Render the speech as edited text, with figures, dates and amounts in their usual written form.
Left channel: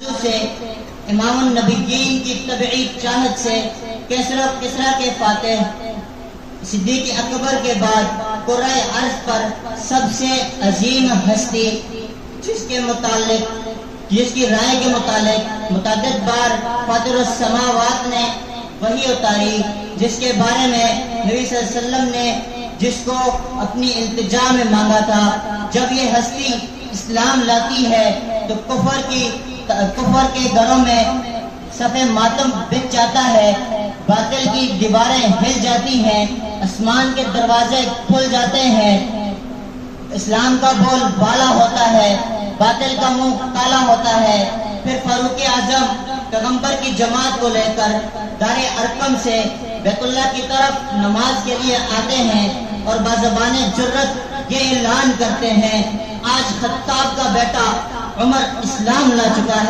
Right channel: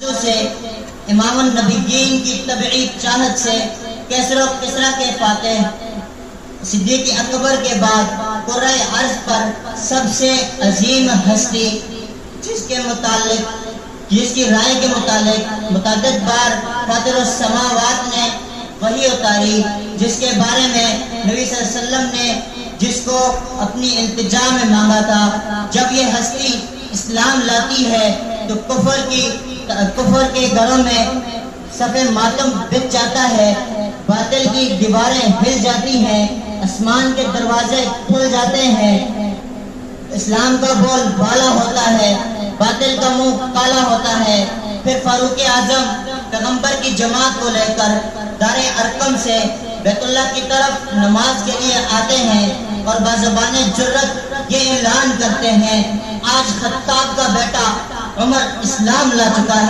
से इमाम नबीयीन की तबई चाहत से किसरा के फातिह सिद्दीक अकबर के बाद कुर्रा अर्ज पर सबसे अजीम हस्ती जिसकी राय के मुतालिक मुतअद्दिद बार फातिरुस समावात ने वही उतारी, जिसके बारे में नबी सल्लल्लाहु अलैहि वसल्लम ने जिसको अपनी इल्तिजा में मांगा था। जब ये हस्ती इस्लाम लाती है तो कुफर के घरों में सफ़े मातम बिछ जाता है, बातिल की दीवारें हिल जाती हैं, आसमान के दरवाजे खुल जाते हैं, इस्लाम का बोल बाला होता है, बातिल का मुंह काला होता है। फिर फारूक आजम पैगंबर की जमात को लेकर दारे अरकम से बैतुल्लाह की तरफ नमाज के लिए आते हैं और बाज़बाने जुर्रत ये ऐलान करते हैं, आज खत्ताब का बेटा उमर इस्लाम ला चुका है।